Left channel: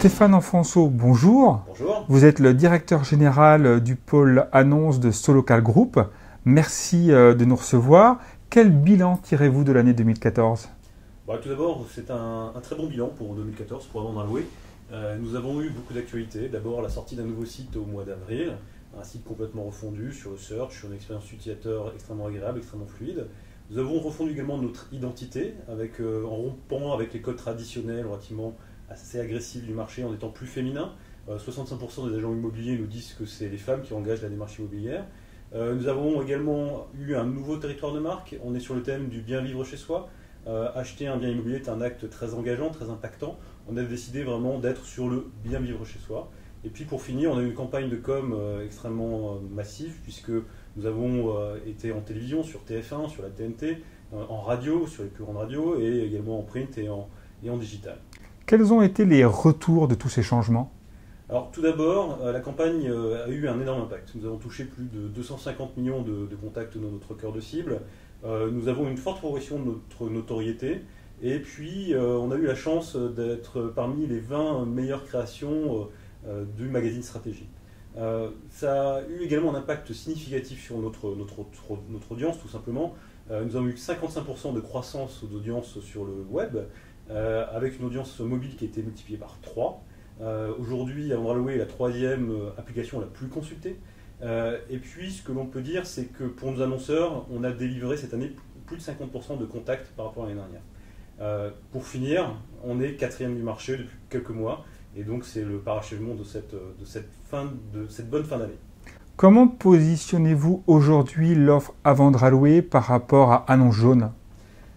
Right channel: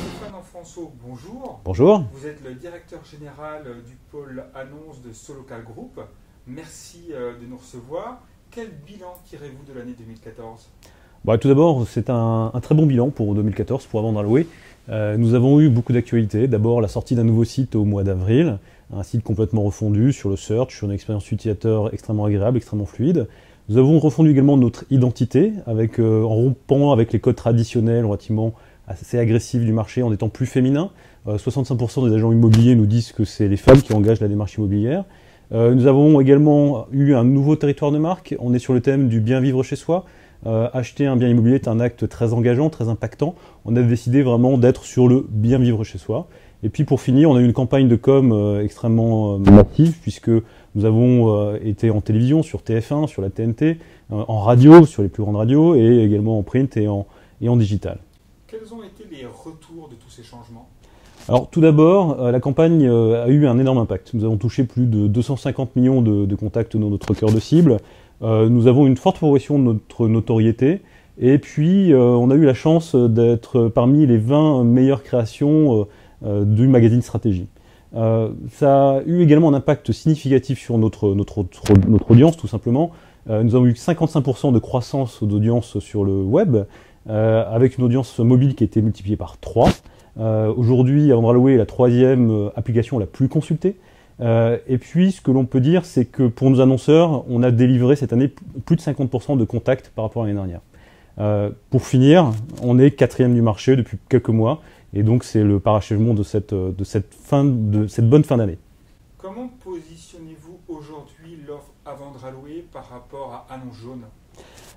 Stéphane Enfonso, bonjour. Bonjour. Vous êtes le directeur général du pôle annonce de Solocal Group. Merci de nous recevoir. Quel bilan tirez-vous de l'année 2014 ? Tout d'abord, c'est un très bon bilan pour 2014 pour Avant d'Allouer. Nous avons eu beaucoup d'actualités. D'abord, la sortie d'un nouveau site au mois d'avril, un site complètement refondu sur le search, sur une expérience utilisateur extrêmement agréable, extrêmement fluide. Nous avons refondu également notre identité en rompant avec les codes traditionnels relativement assez agressifs du marché, en étant plus féminin. 65% des agents immobiliers nous disent que c'est les femmes qui engagent la démarche immobilière. Nous avons également eu un nouveau territoire de marque. On est sur le thème du bien vivre chez soi. Acheter un bien immobilier est un acte très engageant, très impactant. On a décidé vraiment d'être sur le bien vivre chez soi. Et puis pour finir, on a eu une campagne de com extrêmement massive, puisque nous avons été en télévision, sur TF1, sur la TNT, en radio, sur les plus grandes radios, et également en print et en digital. Quels ont été les retours de tous ces changements ? Alors tout d'abord, la campagne a eu un énorme impact. Nous avons touché plus de 250 millions de contacts dans notre cœur de cible. Nous avons une forte progression de notre notoriété. Et puis, on a eu la chance d'être parmi les 20 meilleures créations du magazine Stratégie. Ça a eu également un impact significatif sur notre audience, tout simplement. Nous avons eu 55% de croissance d'audience sur le web, avec une audience mobile qui a été multipliée par 3. Aujourd'hui, Avant d'Allouer est la 3e application la plus consultée. Et puis, ce que l'on peut dire, c'est que pour nos annonceurs, on a délivré cette année plus de 50% de contacts par rapport à l'année dernière. Pour finir, on est 4e du marché depuis quelques mois, et donc c'est le parachèvement de cette bonne fin d'année. Comment positionnez-vous aujourd'hui l'offre Avant d'Allouer par rapport à Annonce Jaune ?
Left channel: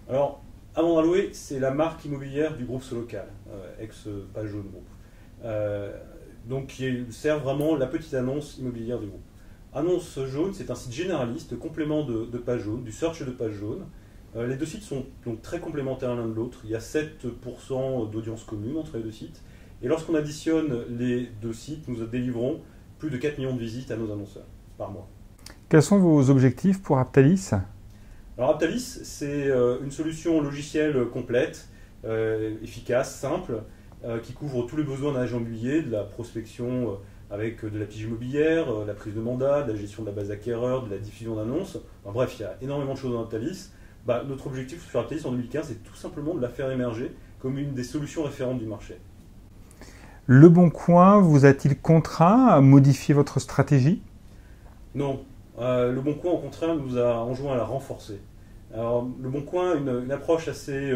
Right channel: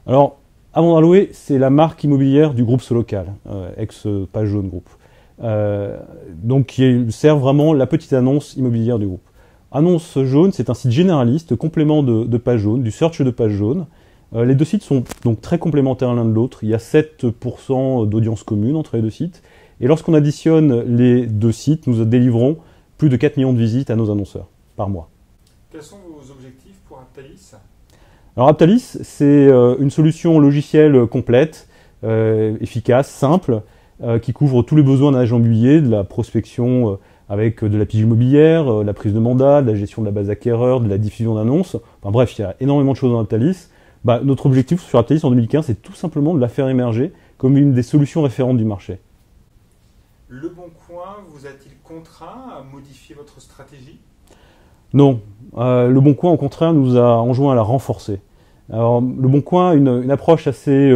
Alors, Avant d'Allouer, c'est la marque immobilière du groupe Solocal, ex-Page Jaune Group. Donc qui sert vraiment la petite annonce immobilière du groupe. Annonce Jaune, c'est un site généraliste, complément de Page Jaune, du search de Page Jaune. Les deux sites sont donc très complémentaires l'un de l'autre. Il y a 7% d'audience commune entre les deux sites. Et lorsqu'on additionne les deux sites, nous délivrons plus de 4 millions de visites à nos annonceurs par mois. Quels sont vos objectifs pour Aptalis ? Alors Aptalis, c'est une solution logicielle complète, efficace, simple, qui couvre tous les besoins d'un agent immobilier, de la prospection avec de la pige immobilière, la prise de mandat, de la gestion de la base acquéreur, de la diffusion d'annonces. Enfin bref, il y a énormément de choses dans Aptalis. Notre objectif sur Aptalis en 2015, c'est tout simplement de la faire émerger comme une des solutions référentes du marché. Le Bon Coin vous a-t-il contraint à modifier votre stratégie ? Non. Le Bon Coin, au contraire, nous a enjoint à la renforcer. Alors, le Bon Coin a une approche assez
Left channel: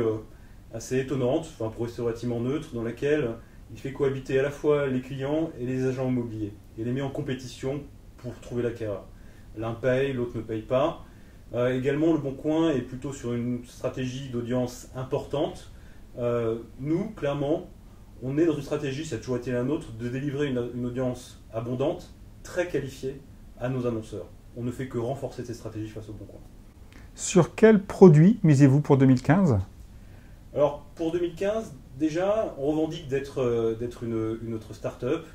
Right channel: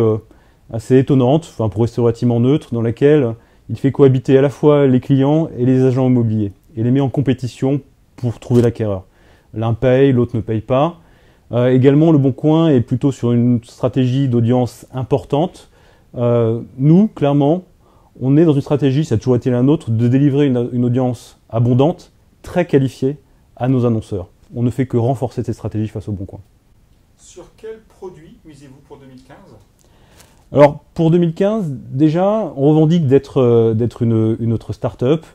étonnante, pour rester relativement neutre, dans laquelle il fait cohabiter à la fois les clients et les agents immobiliers, et les met en compétition pour trouver l'acquéreur. L'un paye, l'autre ne paye pas. Également, le Bon Coin est plutôt sur une stratégie d'audience importante. Nous, clairement, on est dans une stratégie, ça a toujours été la nôtre, de délivrer une audience abondante, très qualifiée à nos annonceurs. On ne fait que renforcer cette stratégie face au Bon Coin. Sur quel produit misez-vous pour 2015 ? Alors, pour 2015, déjà, on revendique d'être une autre start-up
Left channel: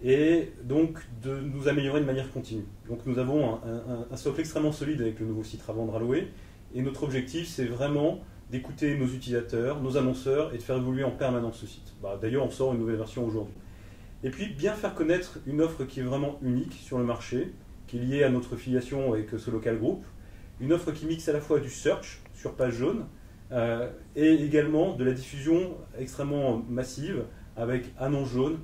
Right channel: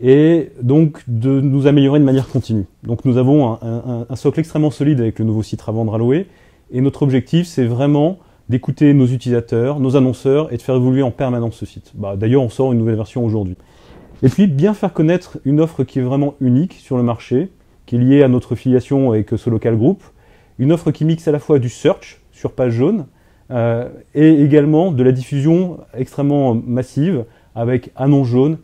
et donc de nous améliorer de manière continue. Donc, nous avons un socle extrêmement solide avec le nouveau site Avant d'Allouer et notre objectif, c'est vraiment d'écouter nos utilisateurs, nos annonceurs et de faire évoluer en permanence ce site. D'ailleurs, on sort une nouvelle version aujourd'hui. Et puis, bien faire connaître une offre qui est vraiment unique sur le marché, qui est liée à notre filiation avec Solocal Group, une offre qui mixe à la fois du search sur Page Jaune et également de la diffusion extrêmement massive avec Annonce Jaune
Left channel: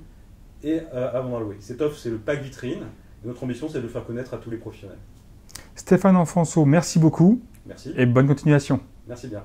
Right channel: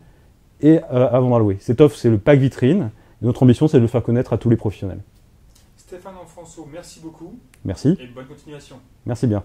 et Avant d'Allouer. Cette offre, c'est le pack vitrine. Et notre ambition, c'est de le faire connaître à tous les professionnels. Stéphane Enfonso, merci beaucoup. Merci. Et bonne continuation. Merci bien.